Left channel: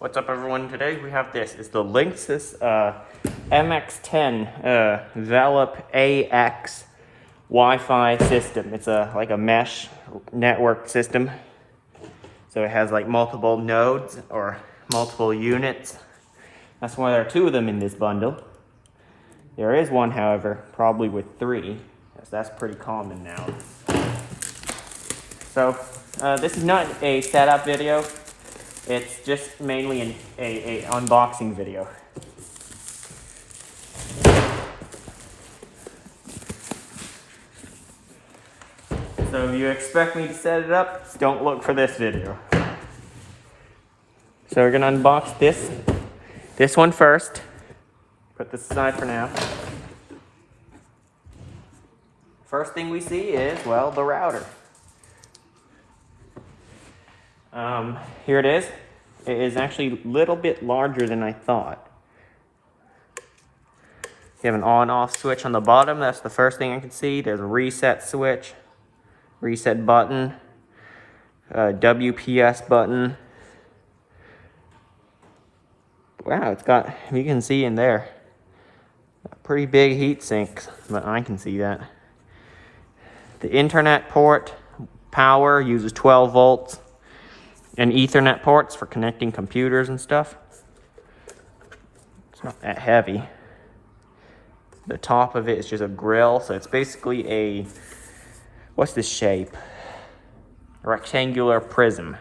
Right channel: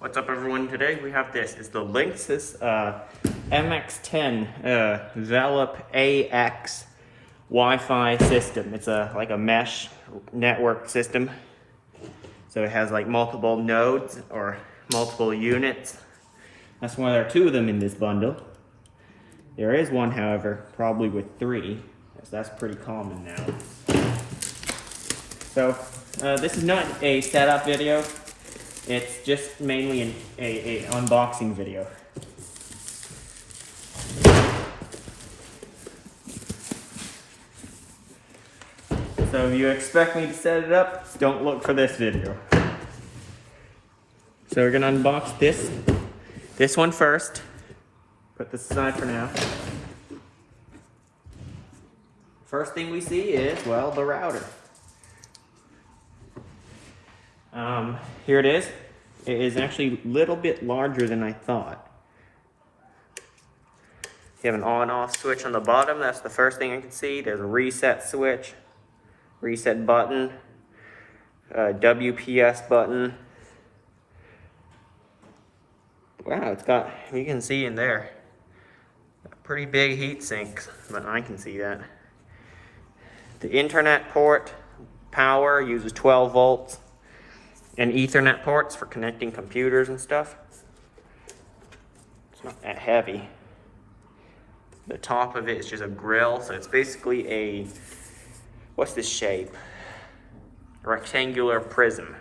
What's up, everyone? Today we have this. It's the Linksys MX10 Velop AX Wi-Fi system. It's like a mesh network system. So it has like multiple nodes or multiple units. That's why there are two of them in this bundle. There is one, however, probably with three. That's pretty common now. So this is not a setup video. It's just mainly a unboxing video. So if you expect me to set it up, don't look for this video. So we're gonna unbox this one first. Put this aside for now. First thing we see is, well, the router. Here it is. It is actually a little bit larger than I thought. You have an on-off switch on the bottom. That's the first thing I can see. There's a reset switch, reset button, WPS button. Wow, it's got, you can see in there, a pretty big heat sink, but I can see that. The internet port, power, uses 12 volts. And Ethernet ports for connecting computers and stuff. It's not that heavy. The top of it is just a grill, so it's basically a, what's this shape? A rectangular prism.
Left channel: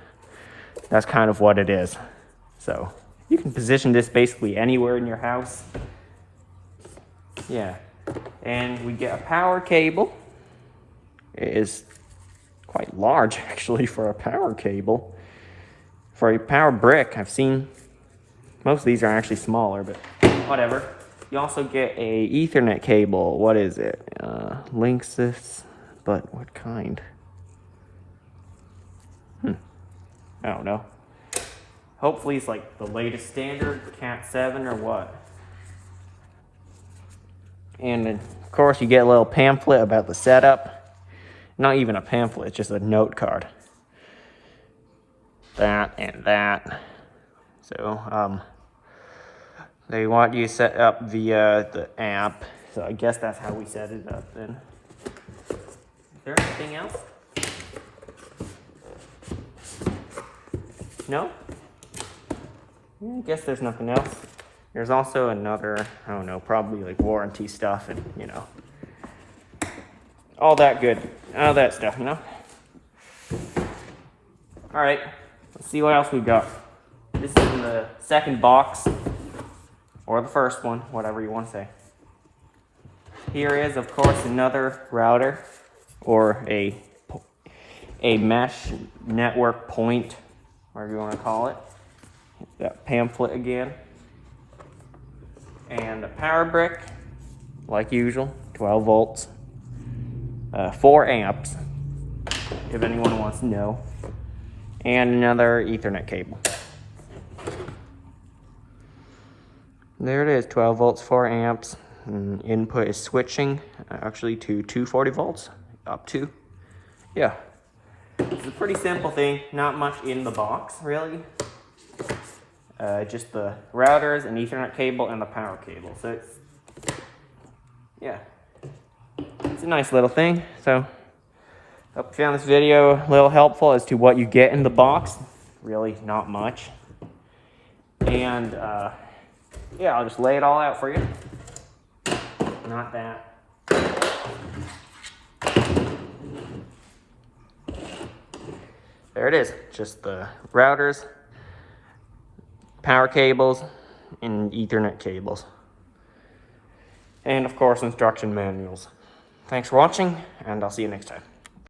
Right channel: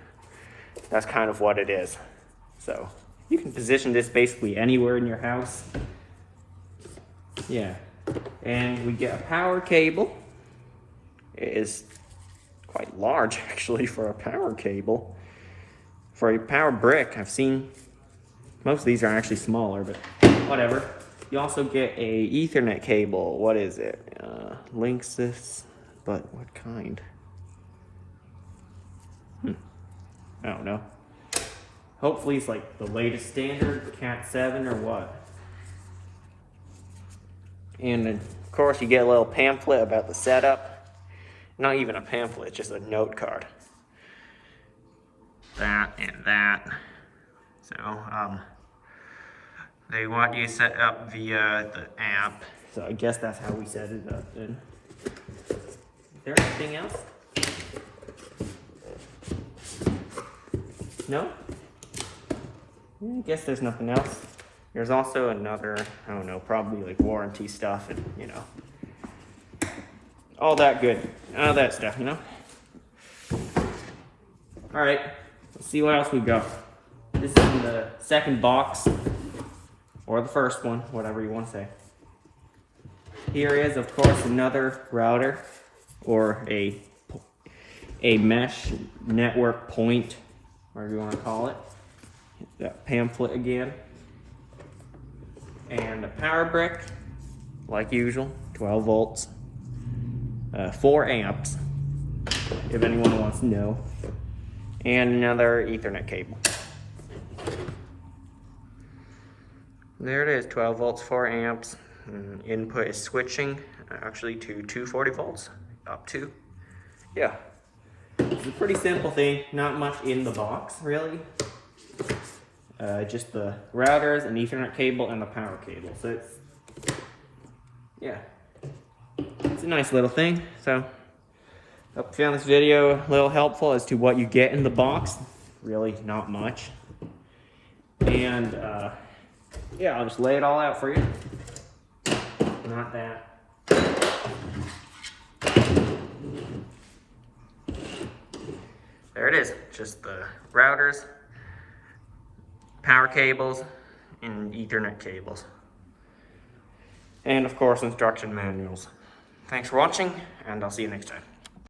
That's kind of what it is. So you can position this basically anywhere in your house. Yeah. And we get a power cable. It is quite large actually for a power cable. For a power brick, I've seen, most of these are actually smaller, but whatever. You also get a Ethernet cable. What is it? Linksys, but what kind? I don't know. Hopefully it's like the latest standard, Cat 7 or what. And of course you get a little pamphlet about the setup. Not even a pamphlet, it's just a note card. That and that. So they want you to set up the app. So I guess that's how we set it up then. Is there anything else? No? I guess there's nothing else. There's also another, I don't know, probably like warranty stuff and, you know, all that good, all that stuff, you know? All right. Let's see what else we've got. This is in the second box, or the first one, whatever you want to say. Here is, of course, another router, or a mesh network point, whatever you want to call it. That pamphlet again. And a power brick, like usual, 12 volts, 4 amps, if anyone wants to know. And another Ethernet cable. There it is, 12 volts, 4 amps. And input is switching actually to 240 volts, up to. Yeah. It's a pretty simple thing, not much in the box, really. Just the routers, an Ethernet cable, and the power cable. So it's, yeah. It's a nice little thing, so. Hope you found this video a little helpful as to what you get in the box. Really not much. And yeah, I'll just lay it all out for you. Not that. There it is. Just the routers, power cables, and Ethernet cables. And of course, instruction manuals. Thanks for watching, and I'll see you next time.